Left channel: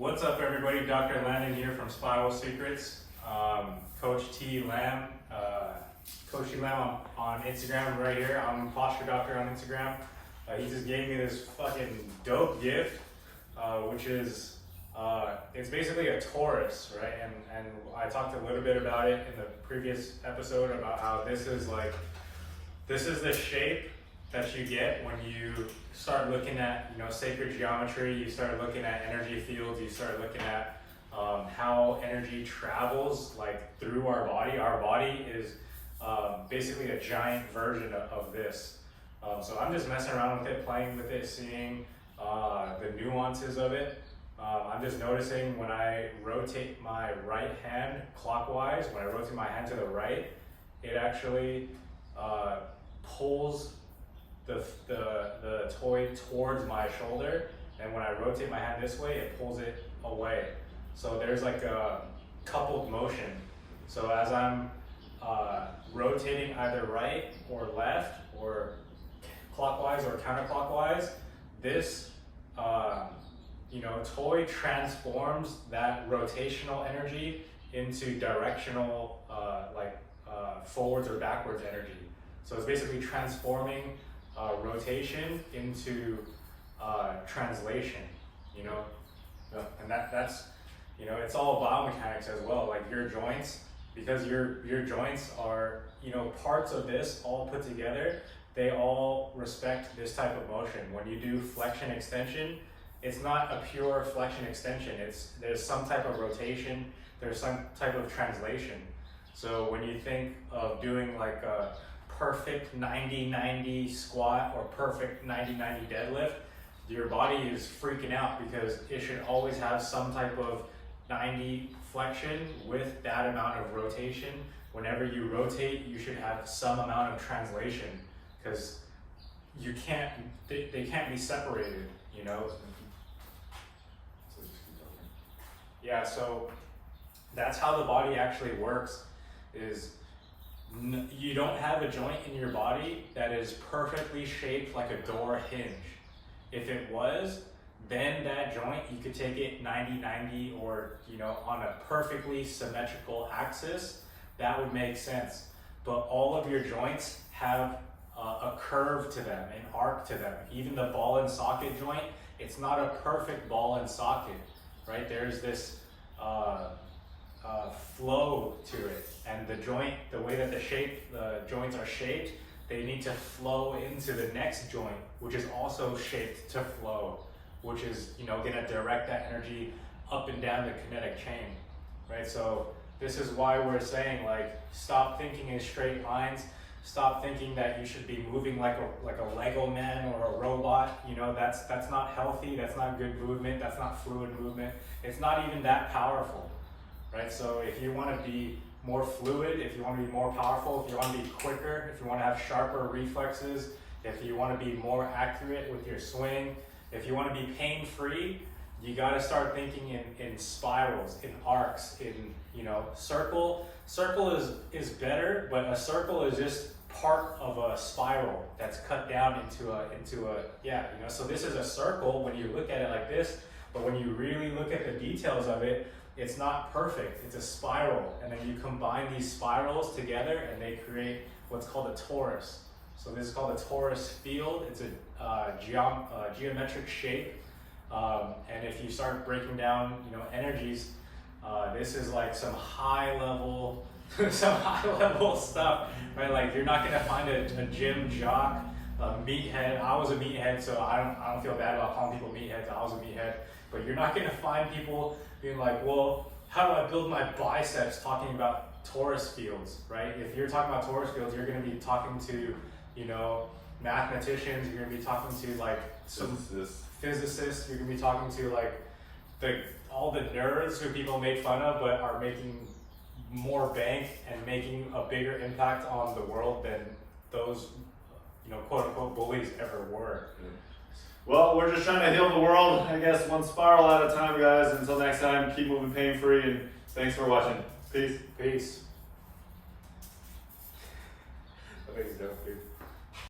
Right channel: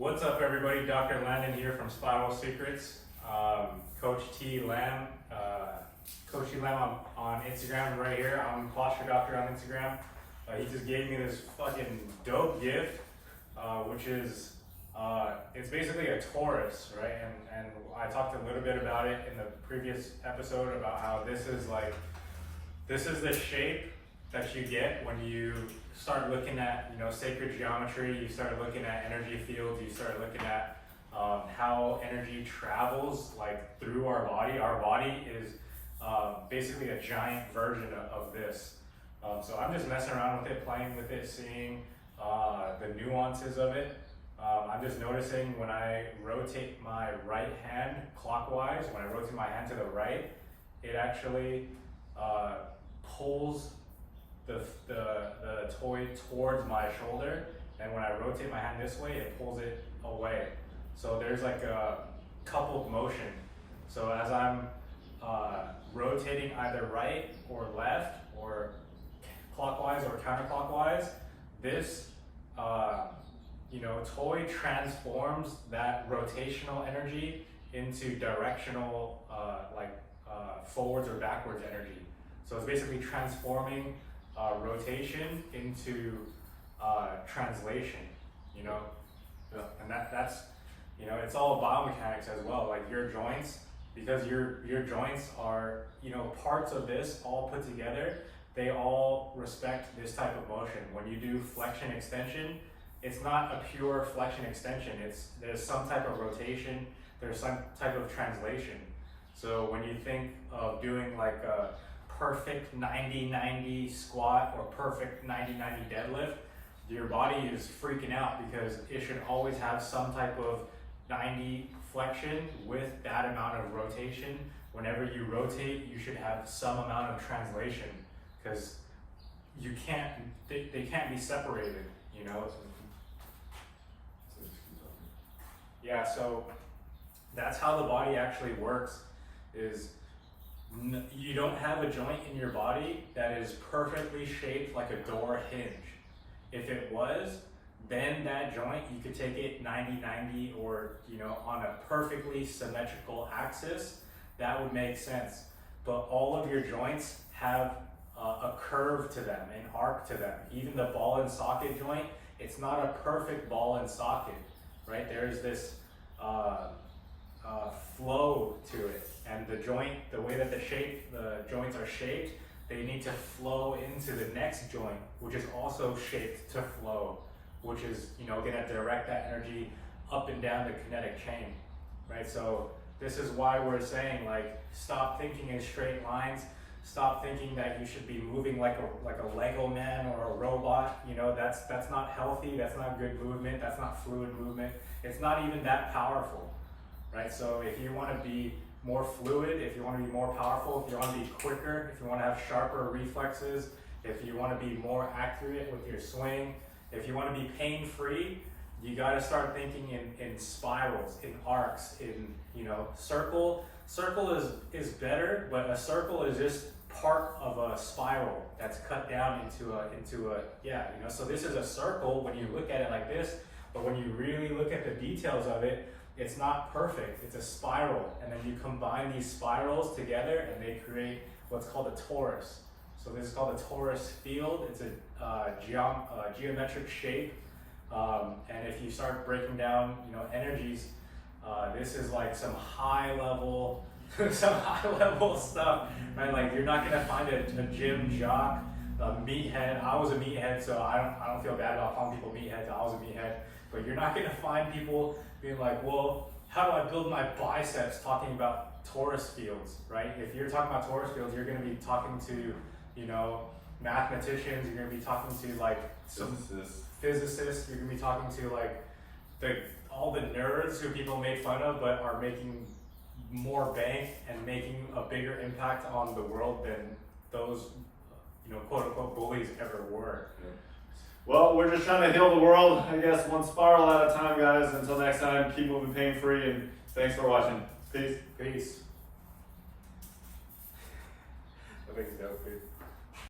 What's up, everybody? Dr. Landon here from Spiral Secrets. Coach T Lamb, Coach T Lamb on Instagram right here. I'm a posture doctor on Instagram. He just gave me this fucking dope gift, which is it's basically a Torus, right? And I talked a little bit about it in the previous episode about how this is the shape that you get when you start looking at, sacred geometry. You start looking at energy fields. You start looking at how energy travels through our body. Our body is basically a giant version of this. So I'm just messing around with it, playing with it, seeing the nuances of it. I'm just noticing when I rotate my right hand clockwise, when I rotate my hand to the right, it actually pulls the toy towards my shoulder, and when I rotate my hand this way, it pulls it away. So there's like a coupled motion. So as I'm rotating either right or left or clockwise or counterclockwise, this toy transforms that rotational energy into directional forwards or backwards energy. So it's basically transforming rotation into translation, and that's it's all biomechanics as well. Like your joints, because your joints are parts of this all put together, they all respect this type of motion. When you do flexion extension, it's not a pure flexion extension. There's some type of rotation, there's some type of translation. So when you think of doing like a perfect 90-90 squat or perfect 90-90 deadlift, your body is freaking out because it should always have some type of 90 flexion with that amount of rotation. Whenever you rotate, you should have some amount of translation, because they can't be separated, Yeah, so that's how the body actually works. You don't have a joint in your body that is perfectly shaped like a door hinge. If it was, then that joint, you could take it 90-90 or on a perfectly symmetrical axis. That would make sense. But all of your joints have a curve to them, an arc to them. Even the ball and socket joint, it's not a perfect ball and socket, right? There's this flow to it, and the way that the joints are shaped, they need to flow into the next joint, which is also shaped to flow, which is going to direct that energy up and down the kinetic chain, right? So this is why we're saying, stop thinking in straight lines. Stop thinking that you should be moving like a Lego man or a robot. That's not healthy. That's not good movement. That's not fluid movement. It's not even that powerful, right? So if you want to be more fluid, if you want to be more powerful, if you want to be quicker, if you want to have sharper reflexes, if you want to be more accurate with your swing, if you want to be pain-free, you got to start thinking in spirals, in arcs, in circle. Circle is better, but a circle is just part of a spiral that's cut down into a so this is a circle when you look at it like this, but when you really look at the details of it, it's not perfect. It's a spiral, and then you combine these spirals together and they create what's called a torus. So this is called a torus field. It's a geometric shape, and if you start breaking down energies, this is like some high level stuff, right? Like you're not gonna find a gym jock, a meathead. I was a meathead, so I don't feel bad about calling people meatheads. I was a meathead, but you're not gonna find people being like, well, how do I build my biceps? Talking about torus fields, right? If you're talking about torus fields, you're gonna be talking to mathematicians. You're gonna be talking to some physicists. You're gonna be talking to all the nerds who people made fun of, but are making more bank and making a bigger impact on the world than those, quote unquote bullies ever were. Yeah. Well, we're just trying to heal the world, I guess, one spiral at a time, guys. Until next time, keep moving pain-free, and thanks for watching. Peace. Peace. I think it's dope, dude.